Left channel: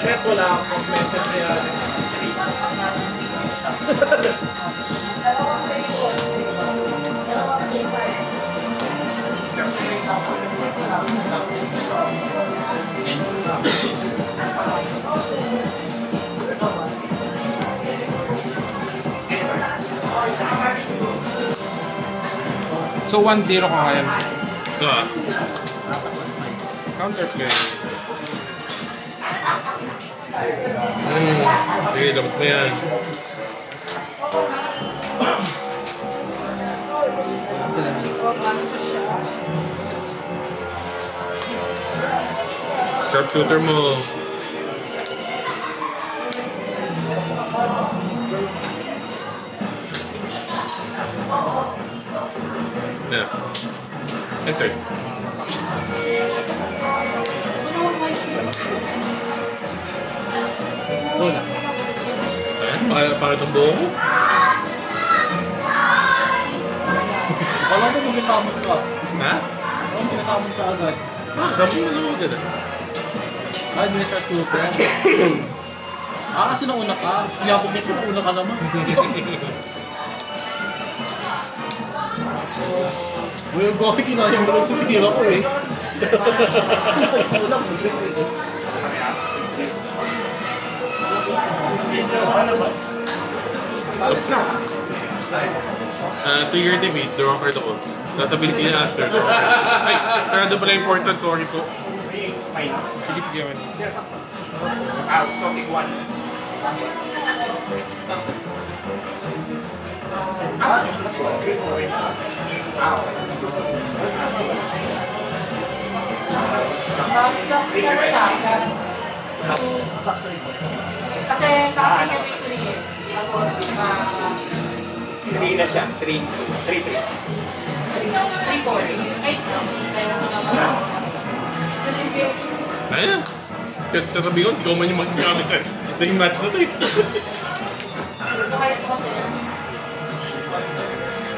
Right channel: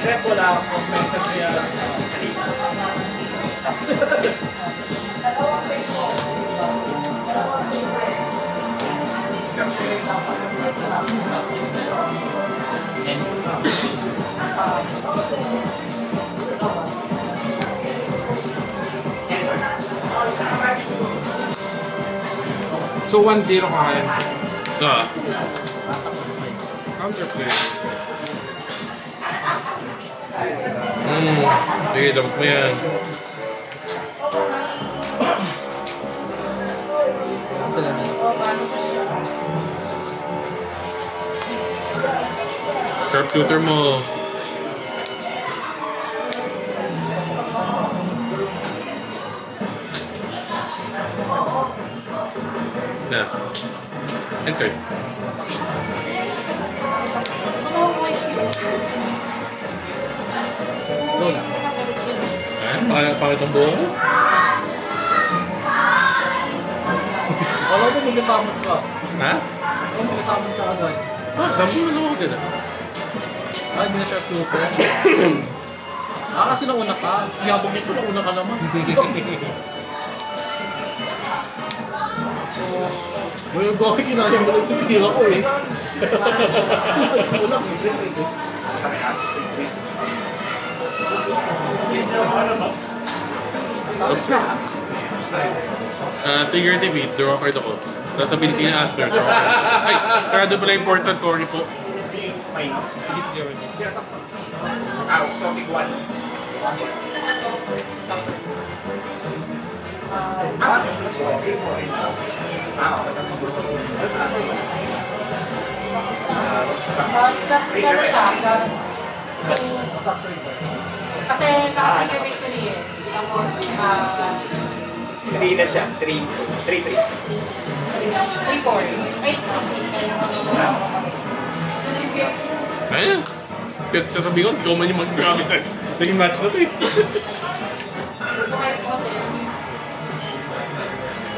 Chef, wala akong nangyayari. So 1-0 ka kaya? Counter play. Sige, dapat mo yan. Sharpshooter mo. Yeah. Enter. Wala. Para itong buo mo? Wala ko mag-asamot ka. Ha? Wala ko mag-asamot ka agad. Sabi mo naman din. Ay, hindi na siya super. Kasi nauna ka. Ngabugit ko nauna ka naman. Well, bakit kinayang mo ito? Hindi ako eh. Wala ko eh. Trigger TV, draw card ako. Sasabihin ko niya after. Ay, kaya doon pala important, sorry po. Sige, sige. Exotic one. Plus siya. Kasi parang yung victory eh. Tapos, 3 na siya. 3-3. 3-4. Ayan. Sasabihin ko, ikaw man yung mag-gamit. Ito yung match na ito eh. Bakit kasi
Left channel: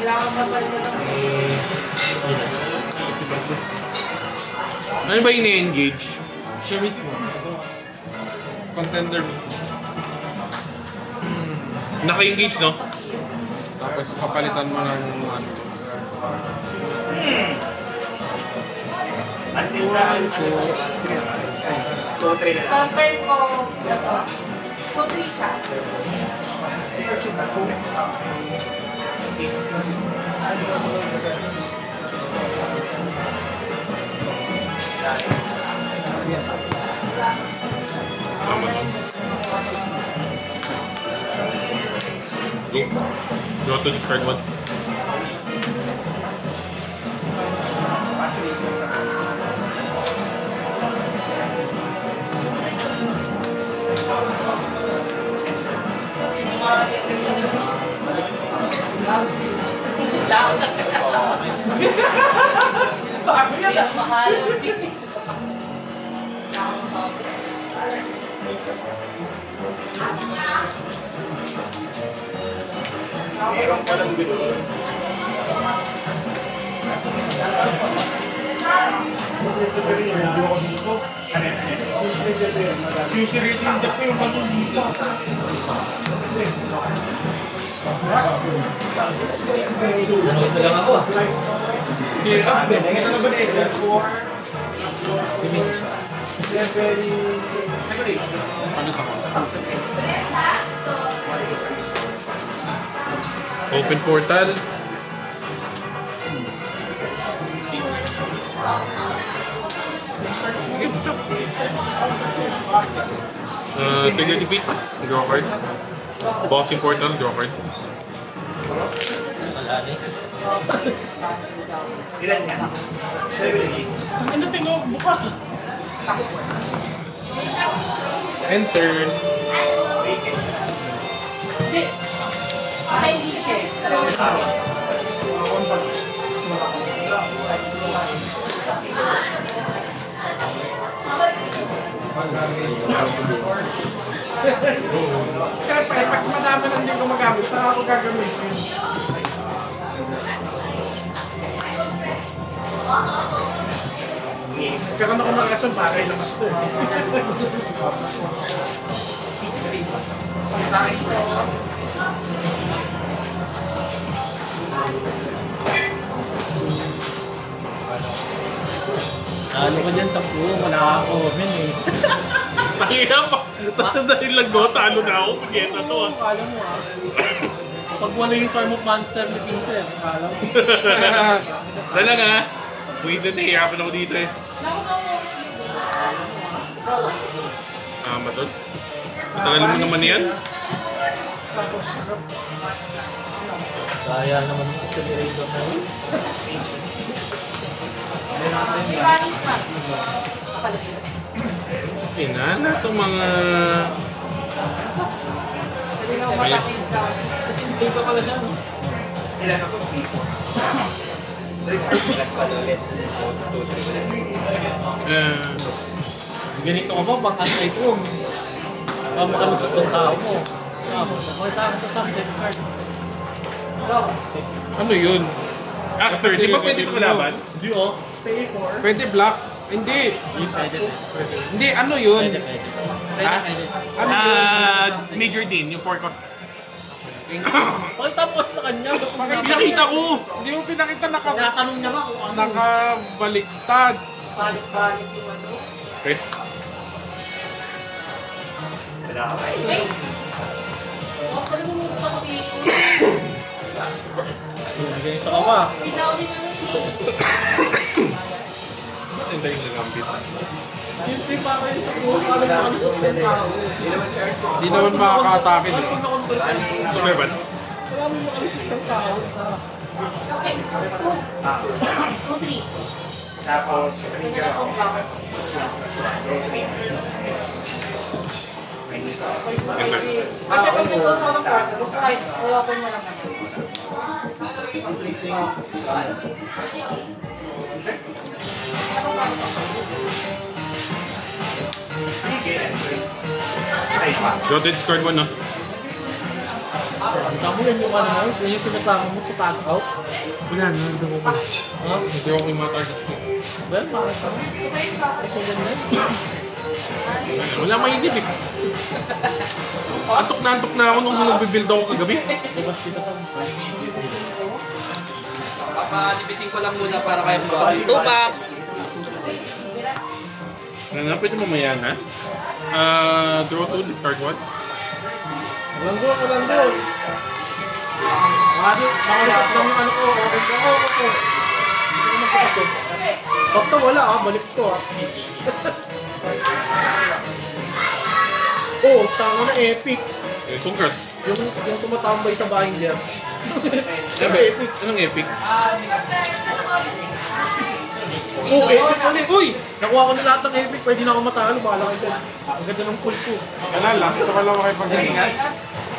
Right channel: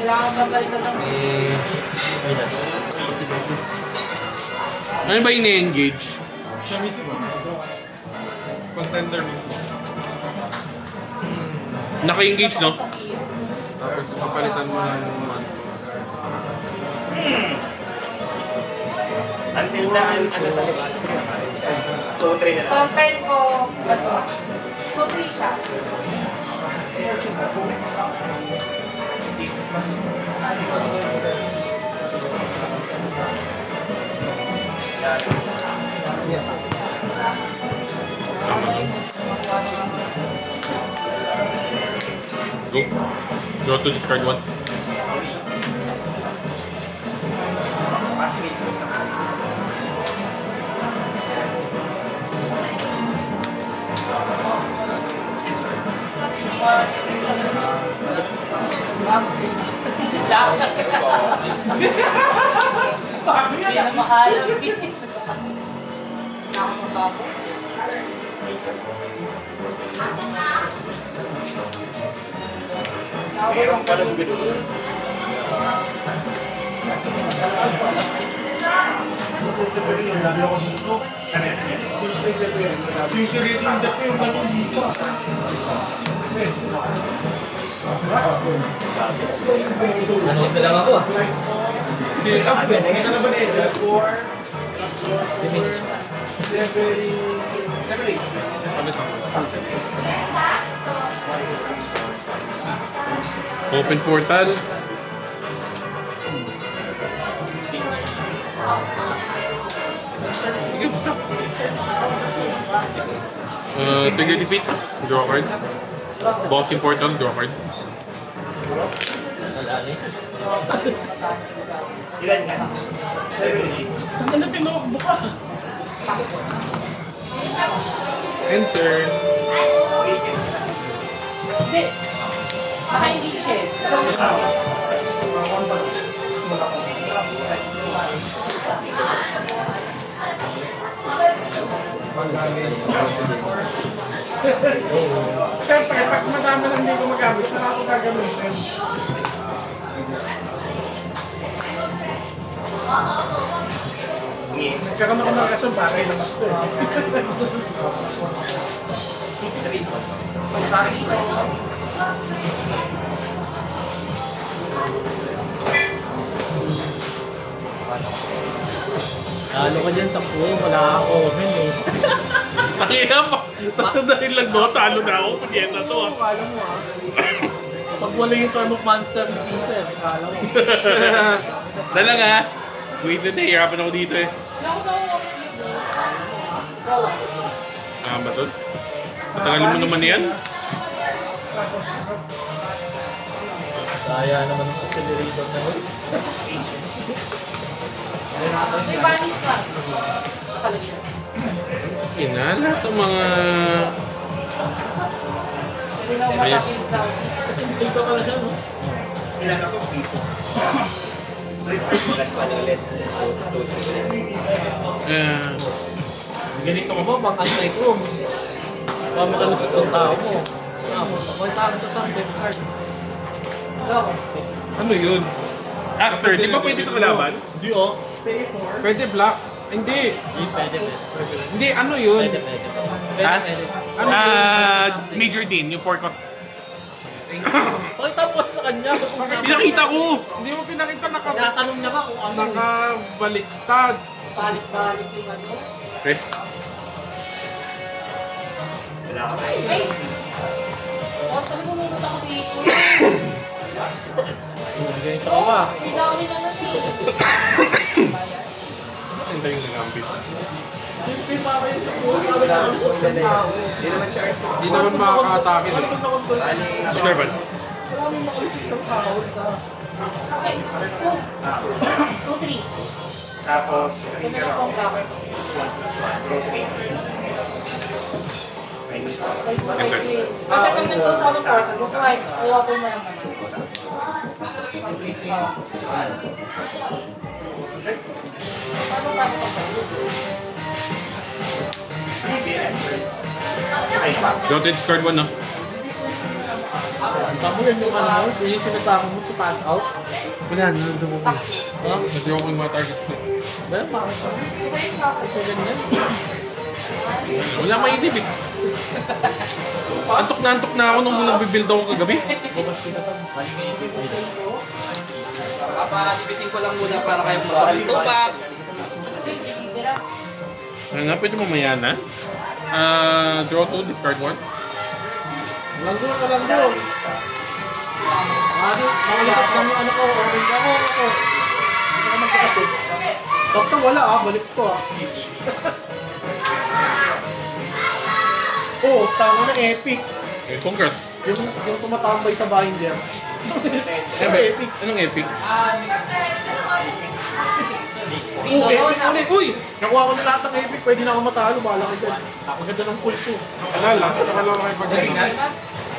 kailangan mabalik na lang eh. Ano ba yung na-engage? Siya mismo. Contender mismo. Naka-engage, no? Tapos magpalitan mo ng... Until na, 2-3 na lang. Sa turn ko, 2-3 siya. Go to discard one. Hindi na makalam. Mayroong ka lang dito. Susirito yung jack ko yung kanyang dito. Nanood na lang ako. Hindi ka na ba na Edgar? 4. Open portal. Trigger defeat. Draw card. Boxing portal. Draw card. Ilan ka? 7. Ano tinawag buka? Enter. Hindi. Ay, hindi siya. Siyempre, pag madami lang yung gumagamit, saan ako gagamitin? Nagkaroon ako ng rason, bagay naman ito. Talo ka dyan sa puyo, wala ako. Takina pa. Dahil lang no, talo na ako. Pag-yan na to. Kala mo ah. Pag wala yung Storm of Monster ni Peter, kala mo. Dala nga. Wait na hirapan ako dito eh. Matod. Tagal mo naman yan. Kaya naman ang accelerator na yun. Spanish pa. Nakalagay. Kinala itong mga... Hindi naman malaking sound. Kasi hindi ka pala dyan. Ilan ako? Plus pala ulit. Ganito ka ba? Bang anti-room. Baka makalusot ang tao mo. May tao ito sa death card. Ano yun? After, di ba pwede ko malaban? Hindi oh. Pwede black? Hindi. Hindi, ano yun? Ha? Major Dean, yung fork of... Pakita mo kasi sa kanya. Pinakita ko! Hindi mo pinakita Tinatanong niya nga kung ano. nakabaliktad. Balik yung ano. Chris? Hey! Oh, pala bumunod ako dito. Ganito ka ba? Isa ko din ano eh. Hindi yung nagambit. Siyempre para yun sa puyo. Sabi na kalusot ng tao. Hindi naman makaka-atake. Ano pag na-control ka? Sure. Wala mo yung makalusot ng tao. Isa. Okay. 2, 3. Tapos, trigger ako. Plus 1, plus 1. Draw 3. Minus 1. Kasi pag nandun sa mga park, right, open na lang natin. Dotted scored 1 na. Ang damo yan yung ano, yun yung sinasama mo sa tag out. Kailangan mo dumupin. Ha? Kasi ako yung mga target ko. Well, bakit ka? Ito ganyan. Wala maitip eh. Antok na ako nung nagbibuild ako kagabi. Babasti ka sa Papadibisin ko lang muna para kayo buhatin. 2 bucks! Ano, pwede mamaya na? Draw 2, discard 1. Langgo ka, langgo. Makalusot lang yung ano ko. Open ka. Ako. Hindi ko magkakasip. Basta wala ah, balik ko ah. Oh, tango na epic. Congrats. Yung tumatambay sa binder. Sabi, anong epic? Oh, epic ulit. Uy! Nakuha ko na lahat ng epic. Pwede na ako matalo. Bahala ka dyan. Ang ganda ng pull ko. Alala, sa wala ko kayo pagkalingan.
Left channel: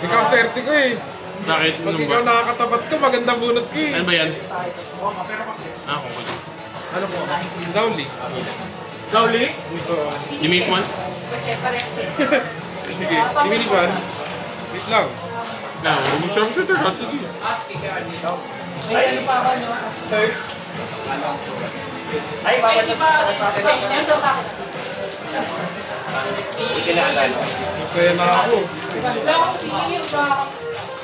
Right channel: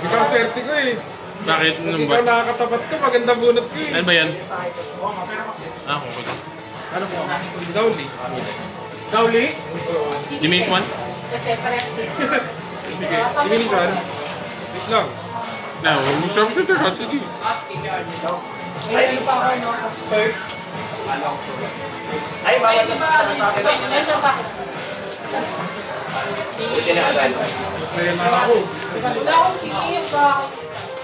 Ikaw swerte ko eh. Nakit mo Pag naman ikaw ba? nakakatapat ka, maganda bunot ko eh. Ano ba yan? Okay. Ano po? Zawli. Kauli? Diminish 1? Kasi parehas din. Sige, diminish one. Wait lang. No, yung sharpshooter. Sige. May ano pa ako, no? Third. Ay, bawal na. Nasa bakit? Pinaalala. Masaya na ako.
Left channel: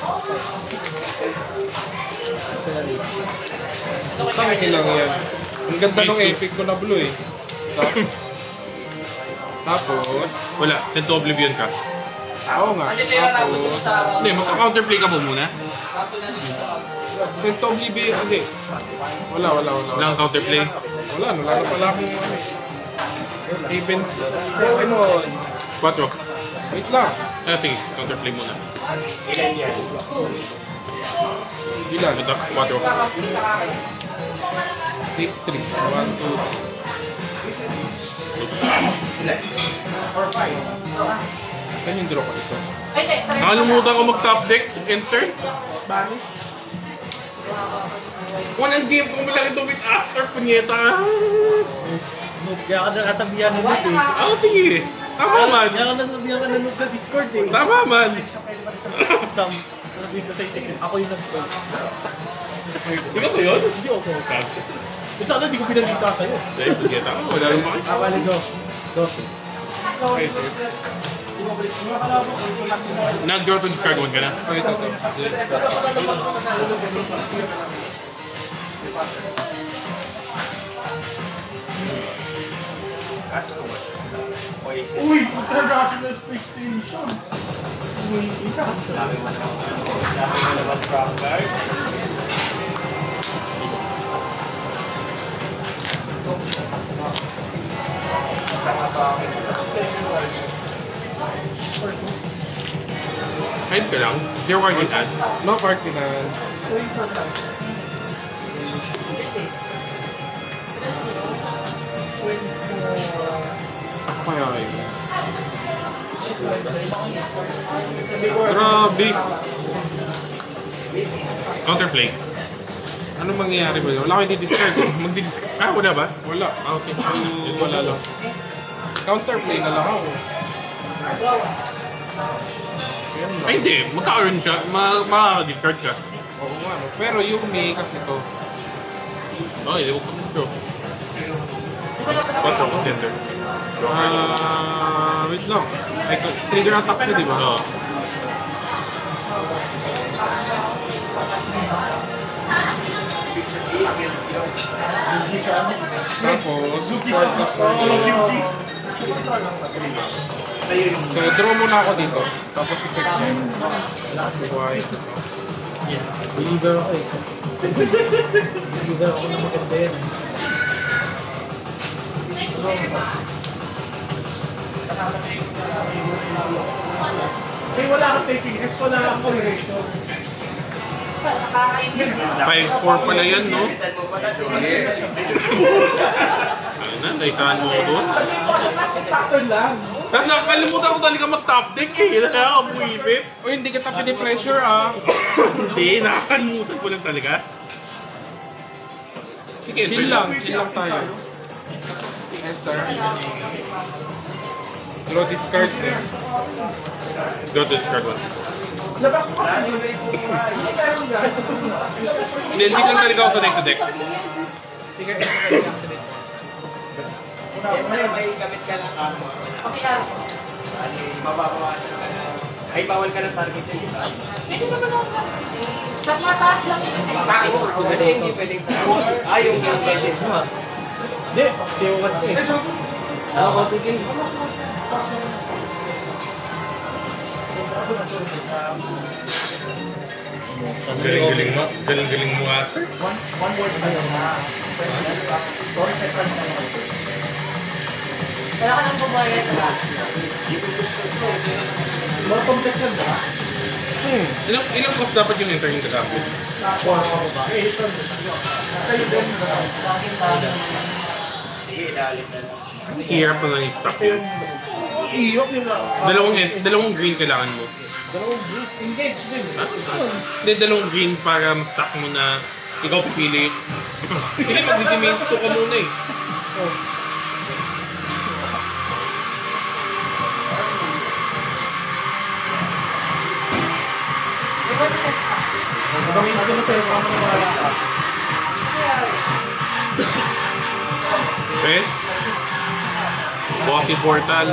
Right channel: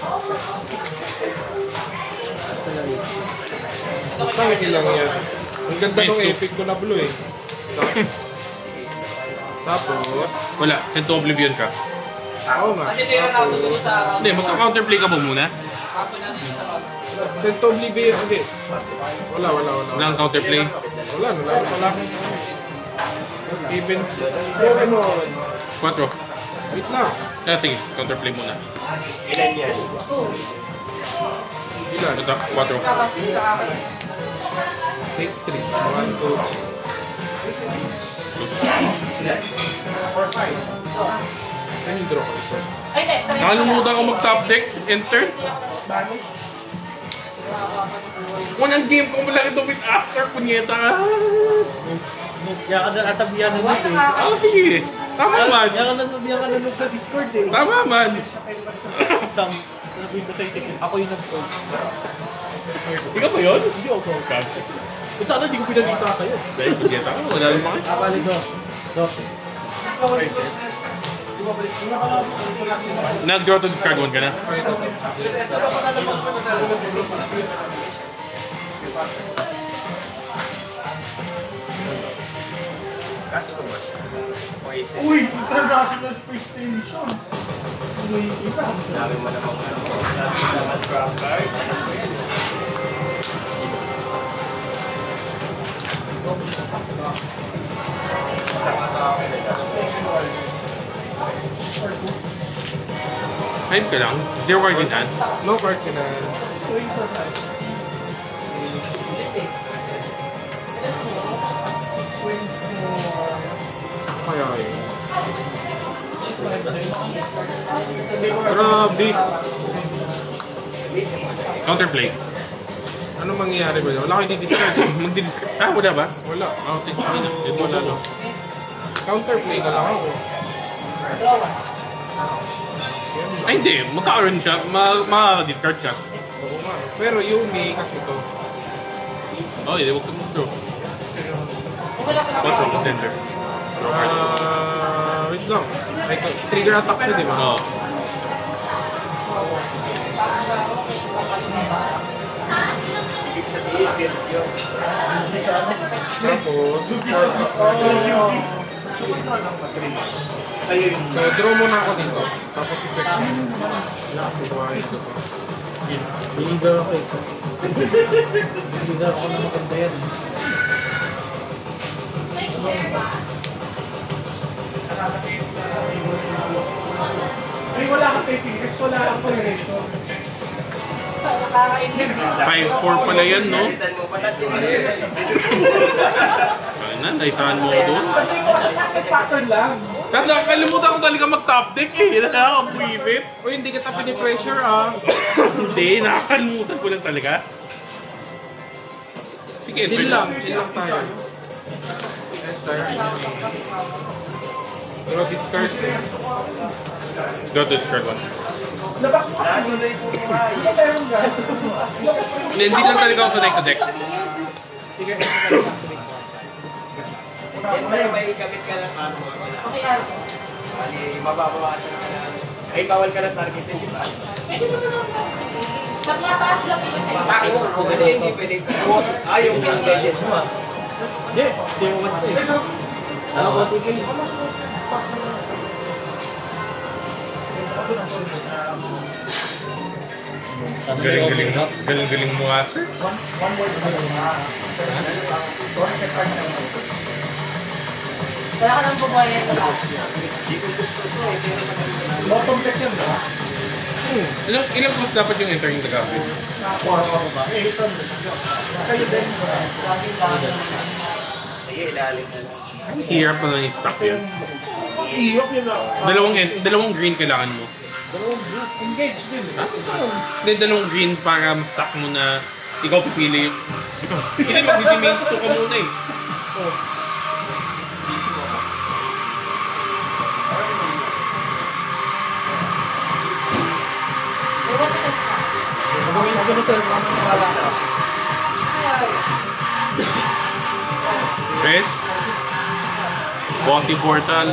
Bakit? Bakit ilang yan? Ang ganda ng epic ko na blue eh. Tapos, Wala. Send to Oblivion ka. oo nga. Kasi tayo na dito sa round. Hindi, magka-counterplay ka ba muna? Tapos na dito sa round. Sento Oblivion, hindi. Wala. Walang counterplay. Wala, wala akong events. Ano? 4. Wait lang. Sige, counterplay muna. Ilan yan? Ilan? Ito, 4. Kasi nakakaya. Hit 3. 1, 2. Saan yung draw ko ito? Ay, hindi. Nakalimutan ko mag-top deck. Enter. Walang game ko malaki ito with after, punyeta. Kaya ka na natabihan ng Why eh. Ah, sige. Tama man. Yan ka nanonood sa Discord eh. Tama man. Sam, sabihin ko sa'yo, ako yung nag-spoil. Ikaw ba yun? Hindi ako. Sana hindi ko pinalita sa'yo. Dahil pagkita. Wala rin mga. Bali, go. Go. Okay, sir. Nag-draw to discard one ka na? Wait, okay. Uy! International Space Station! Uy, ika! Hype ka lang? Zero card in hand? No cards in hand. Okay. Grabe. Counterplay. Ano mangyayari ba yun? Wala kayo di-discard. Mag-di-discard. Ah, wala ba? Wala. Outage mo ito lalo. Counterplay na lang ako. Ay, hindi. Magkakaroon siya. Makaka-discard siya. Oo nga. Pero Yumi kasi to. Okay, di ba ito mag-draw? Ito, mag-sender. Wait lang. Ay, trigger attack to, di ba? Oo. Tapos, Lugi sa QC. so draw muna ako dito. Tapos effect mo. White. Believer ako eh. Believer ako na maganda yan. Ay, wala kang taping. Wala kang pang-resto. 5-4 pala yan, no? Ayun na, naisahan mo ako doon. Factor lang. Tapos nakakalimutan ko talaga mag-top deck eh. Nakakabuibit. Uy, hindi kita pinipressure ah. Hindi, nakakalimutan ko lang talaga. Sige, Chill lang tayo. Enter. Draw discard eh. Go to discard ba? Labas mo na. Ano tayo mo dyan? Hindi lang talaga ako sanay sa deck. Sige, ito tayo lang. May gamit ka ng ano. Okay, ah. Bali, mababawasan ka na. Ay, bawal ka ng target sa iba. Pwede naman ako. Sa mataas lang yung Matake mo. Pwede, hindi pwede. Ay, yung gadget mo. Hindi, hindi ko kasi. Ano ko tigil? Galing-galing mo. Galing-galing mo at. One word pa yun na. Sorry, second na yun. Wala ka nang bumayad na ba? Bottom check yan ba? Ilang cost dapat yung enter yung gagawin? Nakakuha ko ba? Eh, ito. Sa'yo din. Sige, ilalim na lang. Hirap na lang yung stock yun. Iyok yun na. Dalawang green kailangan mo. Dalawang group. Engage din. Hindi, dalawang green para ma-stock mo na ikaw pipili. Hindi, mag-mains to ka muna eh. Magamitin ko na tayo. Mga maniwala ka. Pes. Bossy Portal.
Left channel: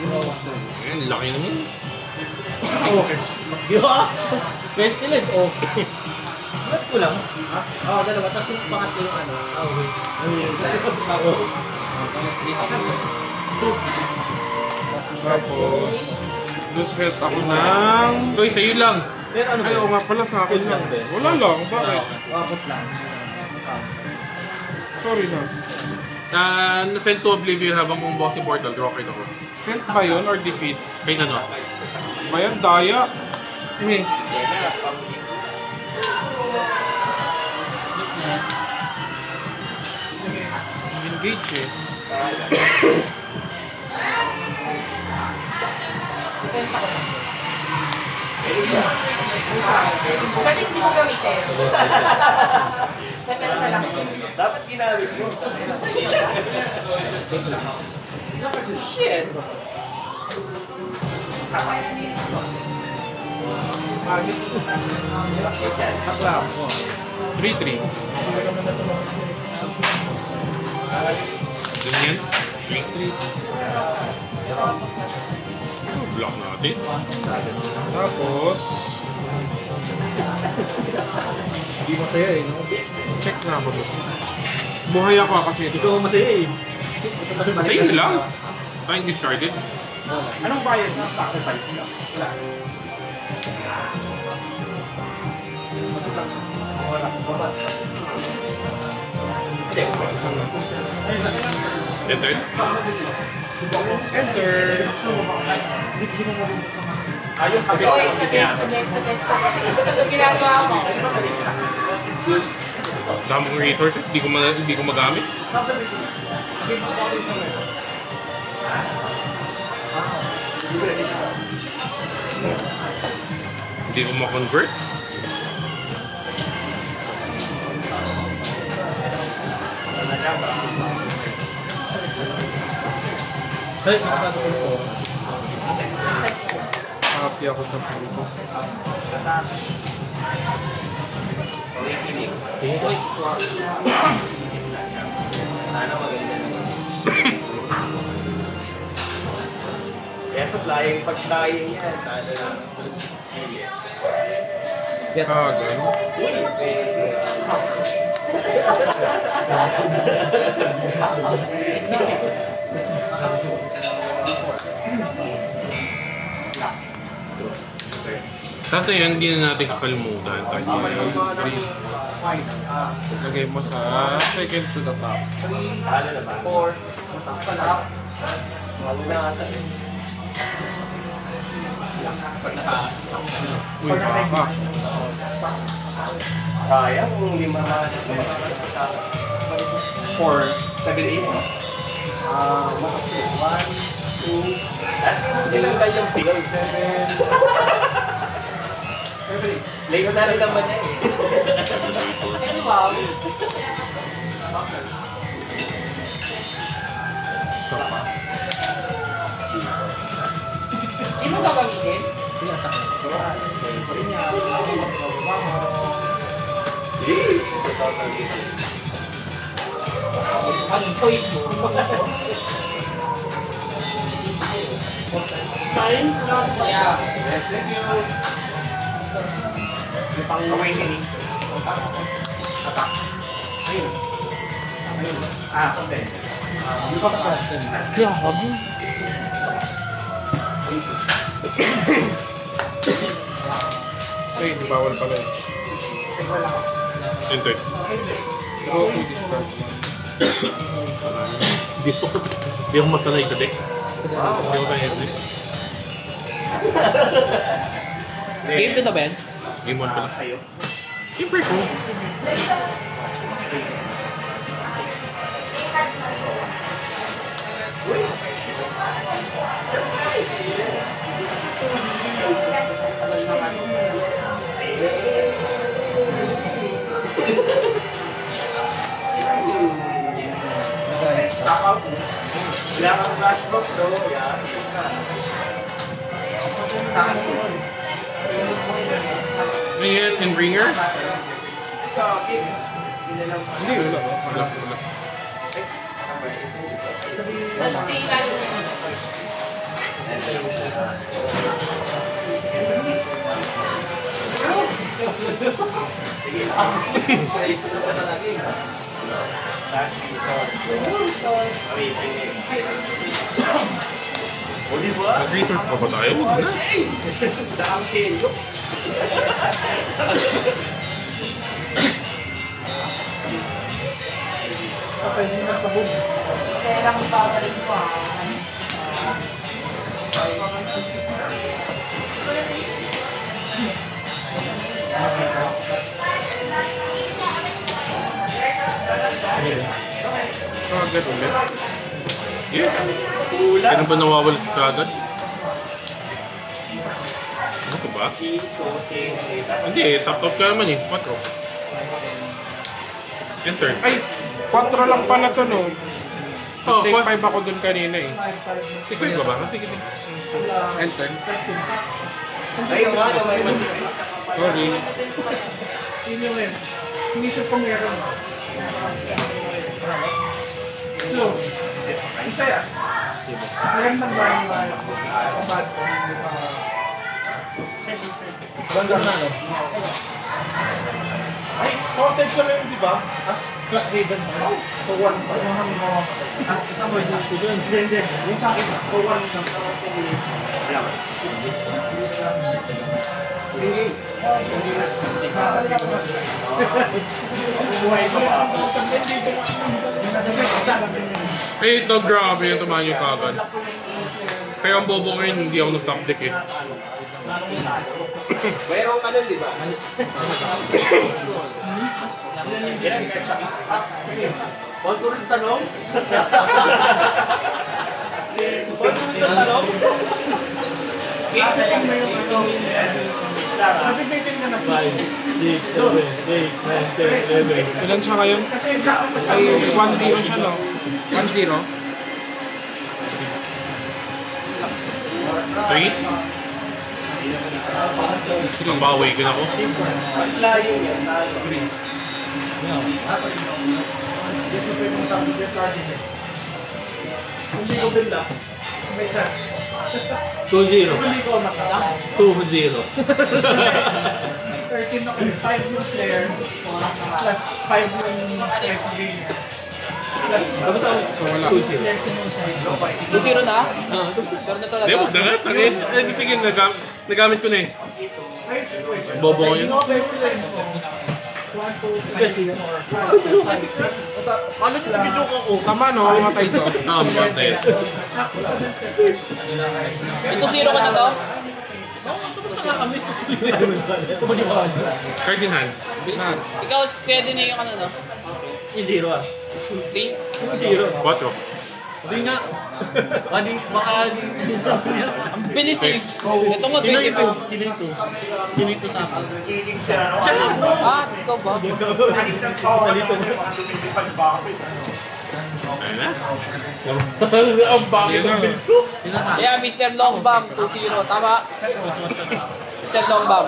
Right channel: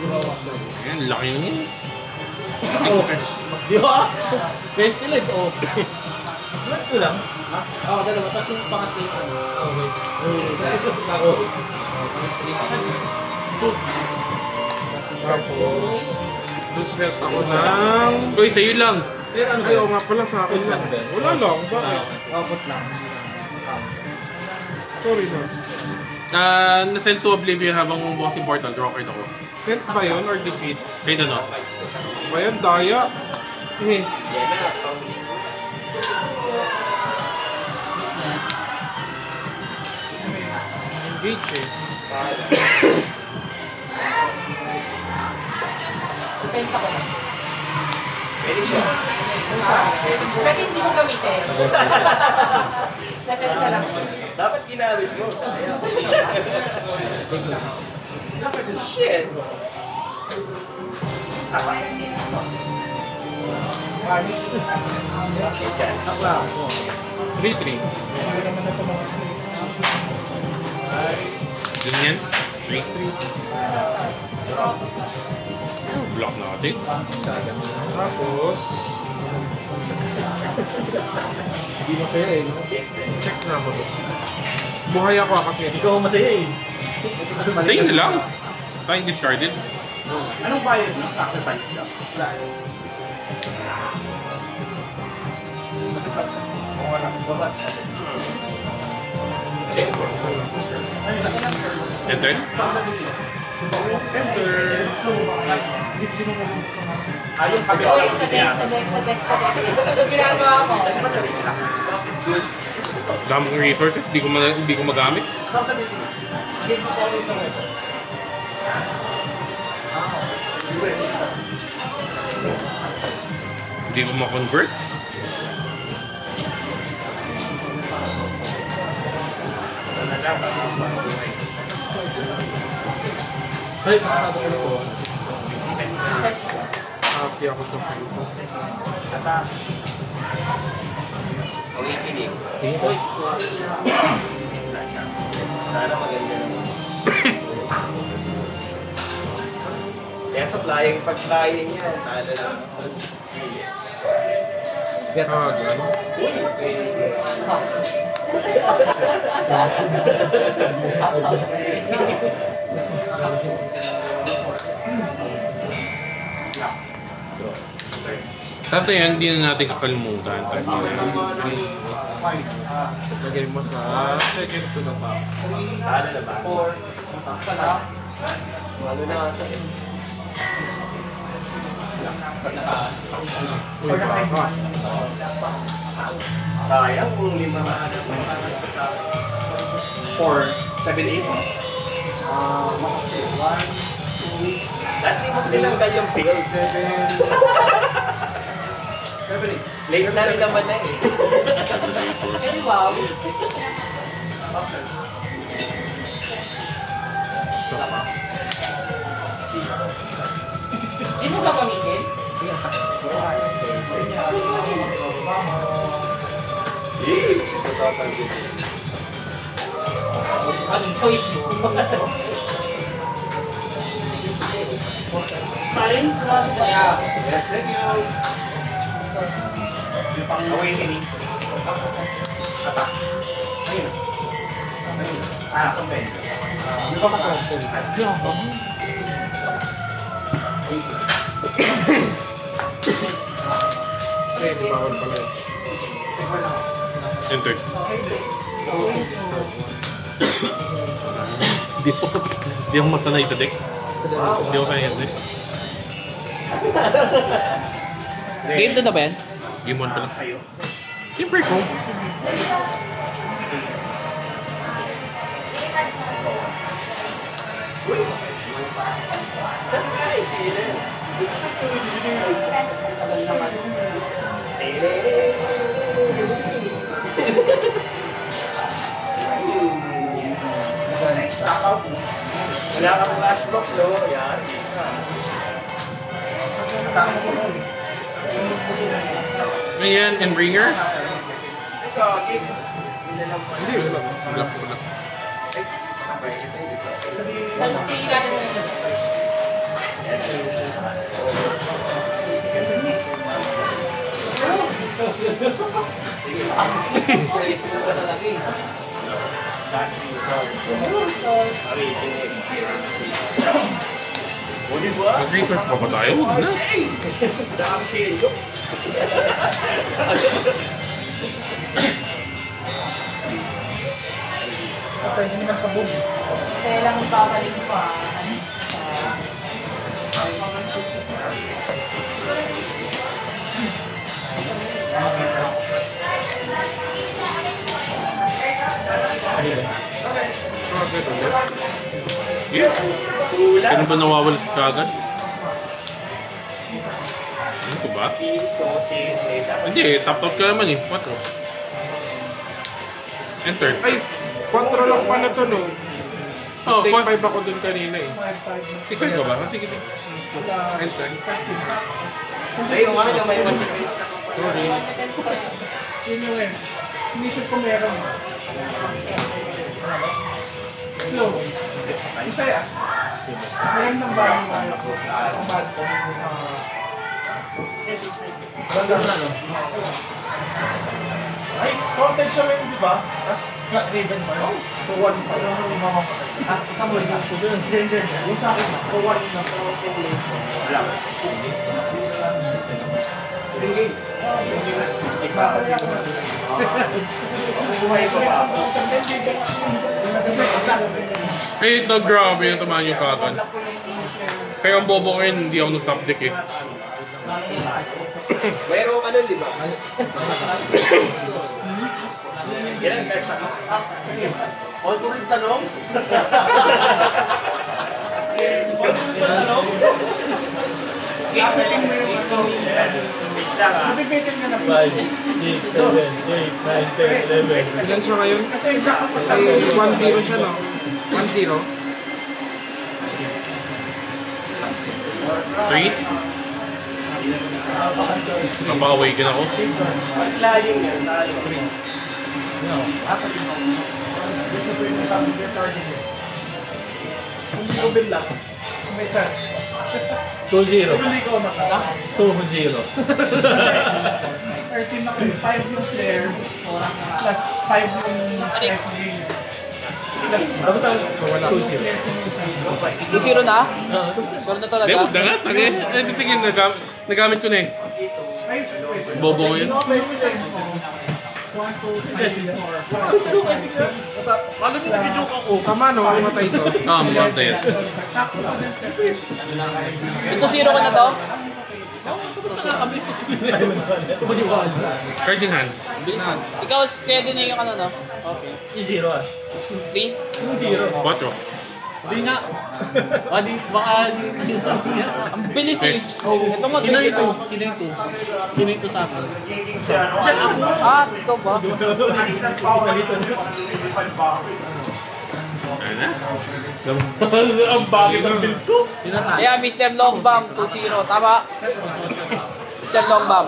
Ayun, laki naman. Oh. Di ba? Pestilence, oh. Ito lang. Ha? Oo, dalawa. Tapos yung pangatlo yung ano. Tapos, lose health ako na. Uy, sa'yo lang. Pero ano Ayaw nga pala sa akin lang. Wala lang, bakit? Wapot lang. Sorry na. Na-send to Oblivion habang Bossy Portal. Draw card ako. Sent ba yun or defeat? Kahit ano. Ayan, daya. Eh, engage eh. Benta ko lang. Pwede hindi ko gamitin. Pwede sa lang. Dapat ginamit mo. Shit. Sakla. 3-3. Ganyan. 3-3. Block natin. Tapos, Hindi masaya eh, no? check na ako. Buhay ako kasi. Ikaw masaya eh. Sa'yo na lang. Ay, discarded. Anong bayad ng sacrifice ka? Enter. Enter. Yung kabila Uy, lang sa deck, sa deck, sa deck, sa deck. Ano ginagawa mo? Dami kong resources. Hindi ko magamit. Hindi mo ma-convert. Ay, makakado ko ito. Happy ako sa pili ko. Sige po. Sana maganda naman. Kaya sa flying pagkain niya, sana lang. Get. Kasi yan, hindi na natin kapalimutan. Lagay mo sa second to the top. Ano na ba? 4. Ano na ata yun? Pag nakaas. Uy, baba. Sayang kung 5 na sa 4, 7, 8. Makasi. 1, 2. Dati mo tinanggal yung pick. 7. Later meron lang ba na eh? Pwede wow. Hindi mo gagamitin? Yes! Anong choice mo? Fine? Yeah. Yes, thank you! Yung pang-awakening. Attack. Ayun. Okay. Yung pagka-question. Hindi ako. Wait, bawal pala. Enter. Hindi ako masanay sa deck. Hindi ako kaya deck. Game to na ba yan? Game 1 pala. Sa'yo. Siyempre ko. Takaw po. Wala kang flashback, no? Yan. Ayan, and ringer. Hindi, wala. Si ilalim mo na. Last resort. Awakening. O, di ba? Nag-research pa ba tayo? Dami kayo. Pwede naman sa boom. Kaya lang babalik ko ah. Yeah. Kailan ba nawawala sa kagad? Ano ko ba? Hindi, top-top ka naman eh. 4. Enter. Ay, 4 lang pala to, no? Oh, Take 4. 5 ako dun kanina eh. Ikaw ba ba? Sige, sige. Enter. Ay, umaga may Yun yung eh. Inisip ko meron. Hello. Isa yan. Magandang ba yung bad ko? Ganda na, no? Ay, counted siya rin, di ba? As Raven pa. So, 1 pa. Sa mo, hindi. Yung sa akin, so 1 na. Wala. Hindi. Eh, ito grabe yung tumahan yung kakan. Kaya ang bobo ko yun, hindi ako nag-top deck eh. mayroong ano, di ba? Yan, guys. Huwag ko rin tanong. Huwag ko rin tanong. Nabibitin mo na. 5, 6, 7, 8, 9, 10, 11. Ilan siya ngayon? Ay, 1-0 siya, no? 1-0. 3? Mapaka-awaken ako. Layo yan. Hindi ko bigla. May chance. 2-0. Hindi ko makaka. 2-0. 13 ako, 5 yung player, plus 5 yung strike gainer. Tapos ako, 2-0. 2-0 na? Oo, 2-0 na talaga. Hindi, huwag na nga. Hindi tingin, nagamit ko na eh. Ay, Bobo ko yun. hindi ko pa yung play mo. 1, 2, 3, 4, 5, 6. Kala niyo nag-joke ako. Tama, no? Mamatay to. Oo, maganda yun. Ito 0 ka na ba? Card in hand. Ikaw, kaya din yung ano, no? I-0 ah. 3? 2-0. 4. Hindi nga. Baka Ang bilis eh. Ito nga, 22. Sino ito sa akin? Ah, ikaw ba? Ang bagay ng build ko. Yeah, Mr. Longbam, 2-0. Tama? Mr. Longbam.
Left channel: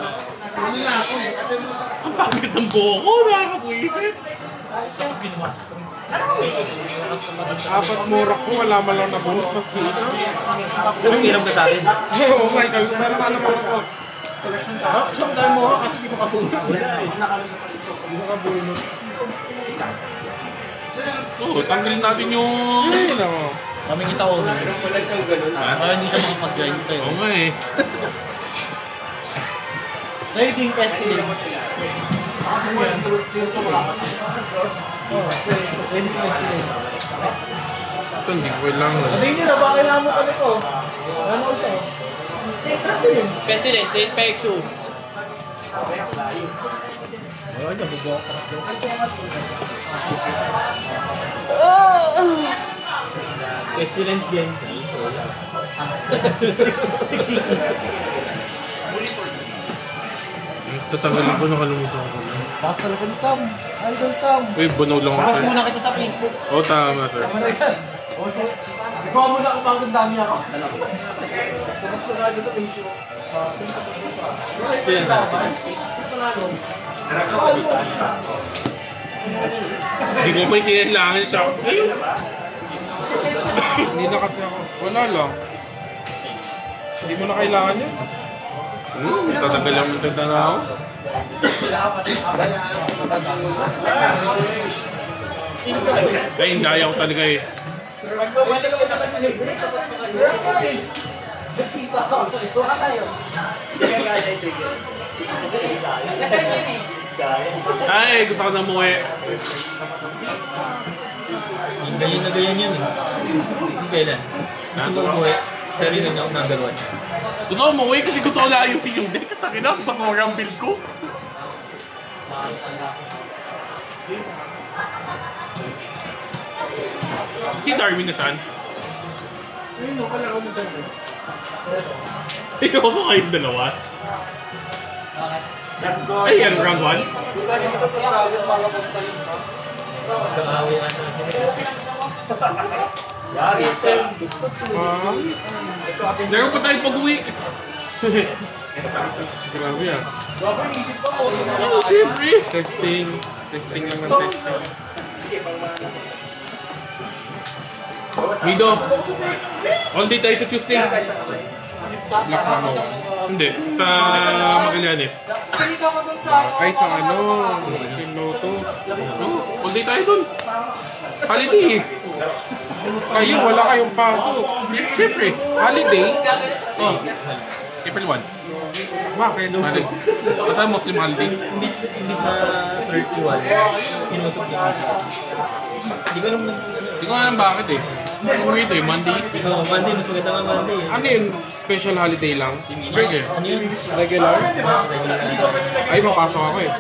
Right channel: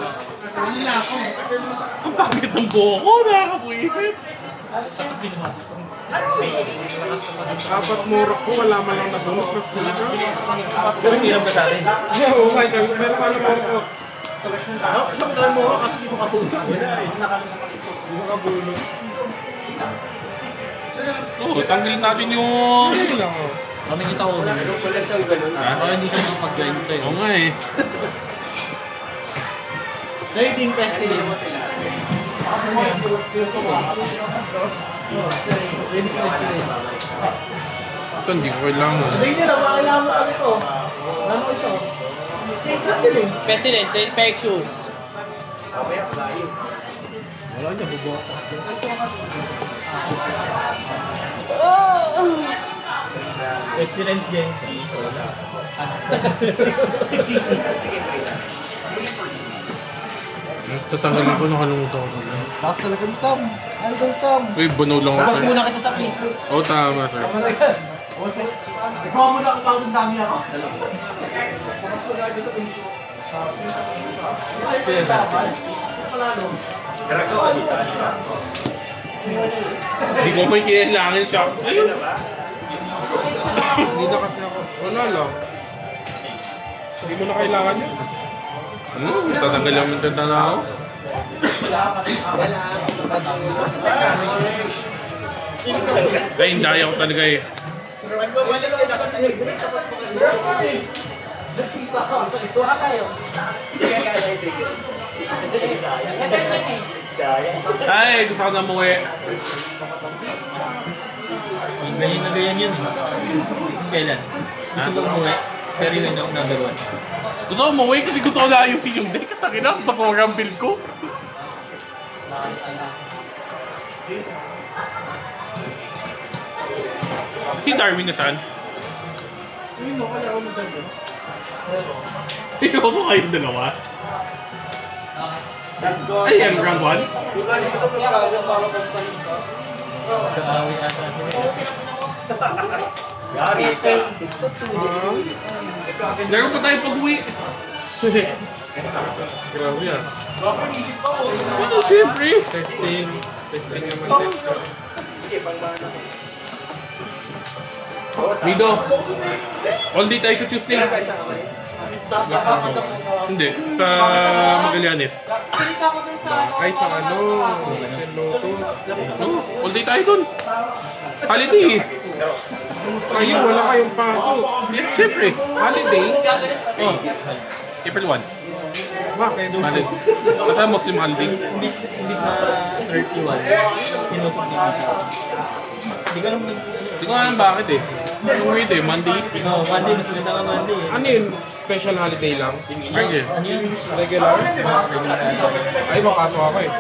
Ang bagay ng buho ko. Nakakabuhipit. Apat morak ko, wala man lang nabunot. Mas tiis. Pero hirap ka sa akin. Oo, okay. Pero ano ba ako? Siyang mo ako kasi di mo kabunod. Di mo kabunod. Oo, tanggalin natin yung... Kami kita ko. Para hindi ka makapag-join sa'yo. Oo nga eh. Rating Pestilence. Ito, hindi ko kailangan. Sabi nyo na, baka kailangan mo kami to. Ano isa? Pestilence. Pestilence, they fake shoes. Wala niya, bubok. Pestilence din. Tatanggalin ko, nakalimutan ko. Takas talaga ni Sam. Idol Sam. Uy, bunaw lang Takas ako. muna kita sa Facebook. Oo, tama sir. Tama na yan. Ikaw muna ako pang dami ako. Takas ko na dito sa Facebook. Ito tama. Panalo. Hindi ko pa kailangan siya. Ayun. Hindi na kasi ako. Wala lang. Hindi mo na kailangan yun. Tatanggal lang yung ganda na ako. Ay, hindi ayaw ko talaga eh. Wala naman nakatinig. Nagkita ka. Ito kayo. Ay, gusto ko na umuwi. Ganyan na ganyan yun eh. Kung kailan? Gusto mo umuwi, pero yun yung number 1. Gusto ko umuwi kasi gusto ko lang yung yung deck. Tangin na, tapos ang build ko. Si Darwin na saan? Ayun no, wala ako dyan. Ikaw mo kayong dalawa? Ay, yan, round 1? Kaaway ata sila. Yari. Meron pa tayo pag-uwi. Grabe yan. Siyempre. Testing naman test. Mido. All day tayo sa Tuesday. Hindi. Sa Magallanes. Ay, sa ano? Sa Lotus. All day tayo dun. Holiday. Kayo, wala kayong pasok. Siyempre. Holiday? Oh. April 1. Bakit? Holiday. Ito ang Muslim holiday. Imbis na 31, tinusok din siya. Hindi ko alam Hindi ko alam bakit eh. Ano ito eh, Monday. Monday, mas maganda nga Monday eh. Ano yun? Special holiday lang? Hindi. Ano yun? Regular? Ay, mapasok ako eh.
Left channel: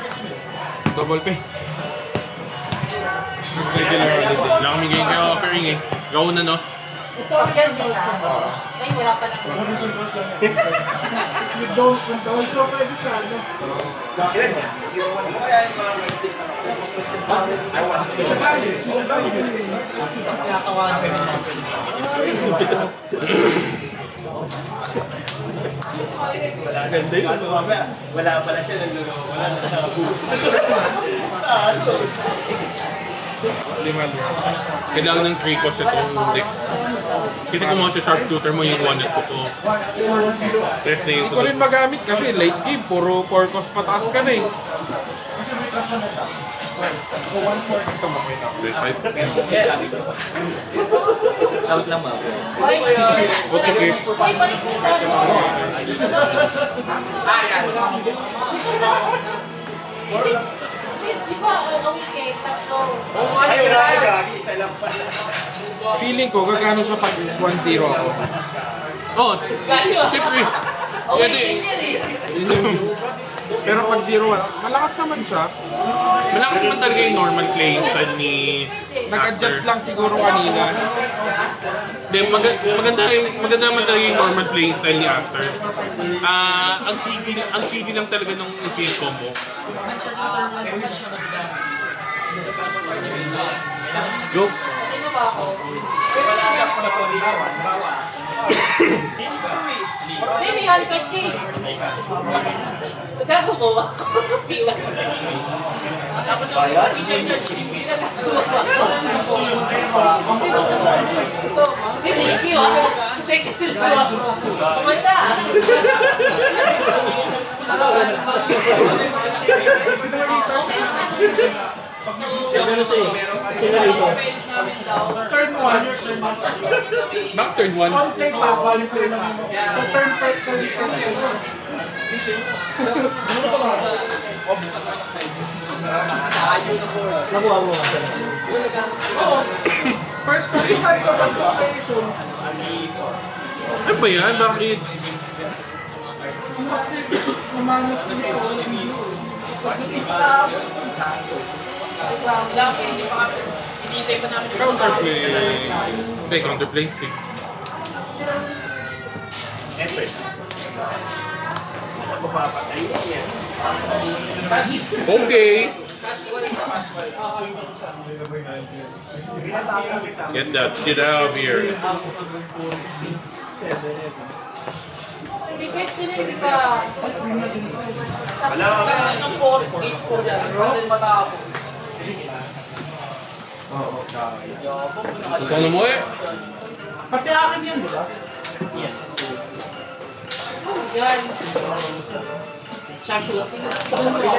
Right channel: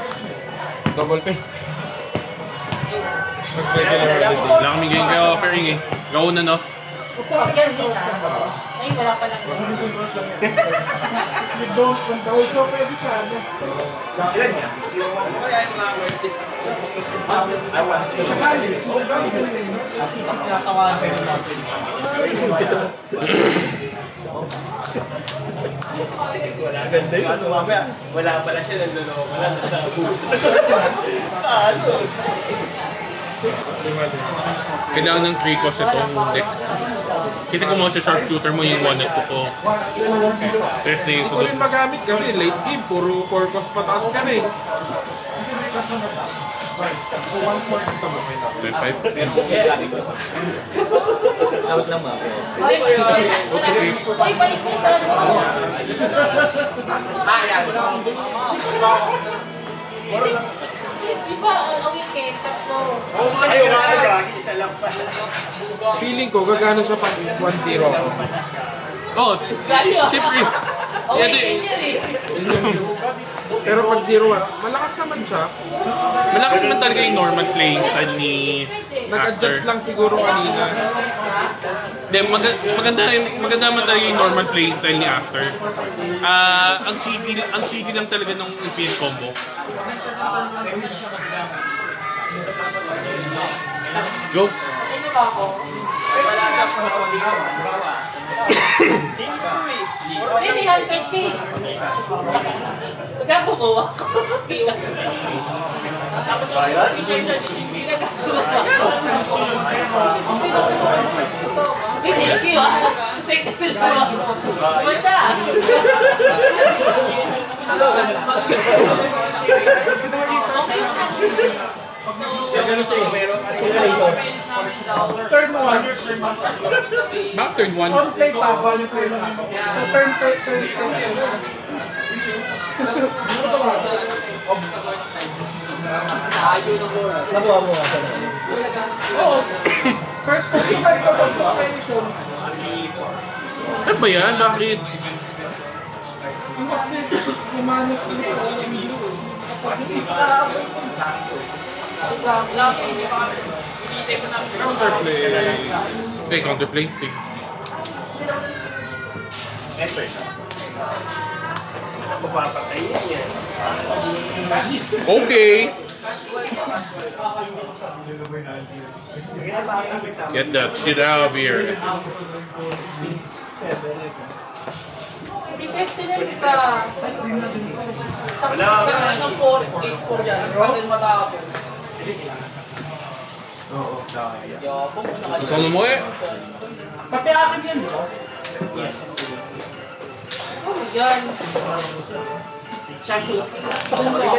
Double pay. Regular holiday. Wala kami ganyan kaya offering eh. Go na no? Ay, wala pa lang. Ganda yun. Wala pala siya nagloloko. Wala na sa Kailangan ng 3 cost itong deck. Kasi kung mga sharpshooter mo yung 1 at 2. Test na yung Hindi ko rin magamit kasi late game, puro core cost pataas ka na eh. Out lang ako. Ay, balik mo sa ano. Di ba, ano weekend, tatlo. Isa lang pa. Feeling ko, gagano siya pag 1-0 ako. Oh, siyempre. Oh, weekend yan eh. Pero pag 0-1, malakas naman siya. Malakas naman talaga yung normal playing style ni Nag-adjust Aster. lang siguro kanina. Then, maganda naman talaga yung normal playing style ni Aster. Ang cheapy lang talaga nung Infinite Combo. Go! Sino ba ako? Hindi, 150. Gago ko ba? Tapos yung official charge, hindi ka hindi, kiyo ah. Fake kasi ba? Kumanda ah. Okay lang. Pero siya eh. Sila rito. Turn 1. Back third one. On play pa, value play lang mo. So turn. Nakuha mo nga sila. Oo. First time tayo kapag kay phone. Ano ba yan? Bakit? Namanas dito. Counterplay. Hindi, counterplay. Sige. Okay. Get that shit out of here. May pestilence ka. Wala. Anong 4-8 yan? Bakit matapos? Gusto mo mo eh? Pati akin yan, di ba? Oh, yan. Hindi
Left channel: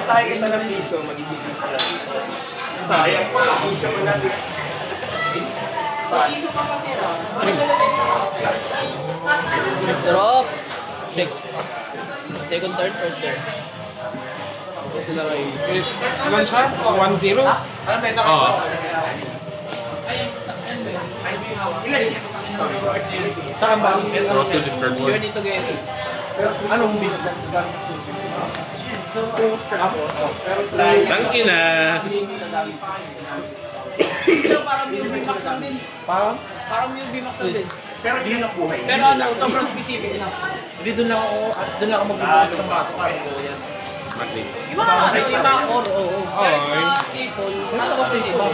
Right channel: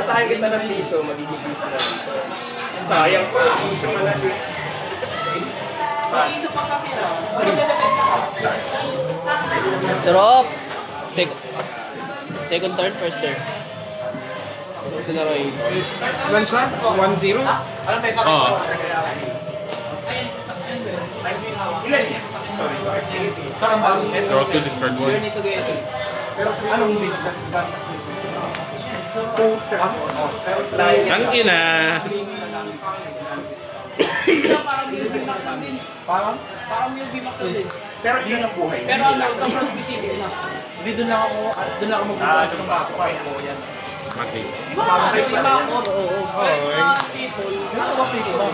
tayo kita ng piso, magiging piso na dito. Sayang po, piso mo natin. Mag-isip pa kapira. Ano nalagay sa Sarap! Second, third, first, third. Sila kayo. Ilan siya? 1-0? Oo. Saan ba? Draw to discard one. Pero anong dito? Ang ina. parang yung bimax lang din. Parang yung bimax lang din. Pero yun ang buhay. Pero ano, sobrang specific na. Hindi doon lang ako mag-buhay ng mga kukain ko yan. Okay. Di ba ano, iba ako? Oo. Pero staple. Ano ba staple?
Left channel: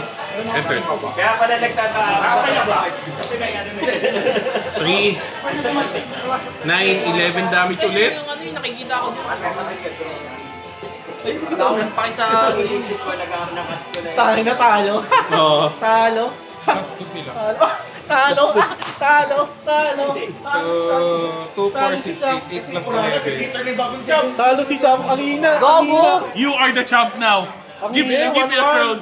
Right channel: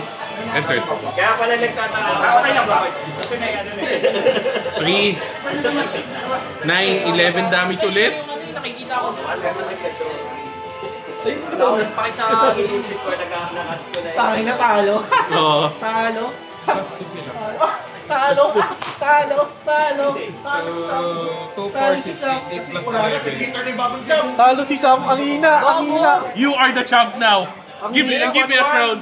Enter. Kaya pala okay lang ba? Kasi may ano na 3, 9, 11 damage ulit. Nakikita ko. Pakisa. Iisip ko, nag-aanakas ko na Tayo na talo. Oo. Talo. Gusto sila. Talo. Talo. Talo. So, 2, 4, 6, 8 plus Wala na si 11. Peter na bagong jump. Talo si Sam. Ang hina. Ang hina. You are the champ now. Give me a crown.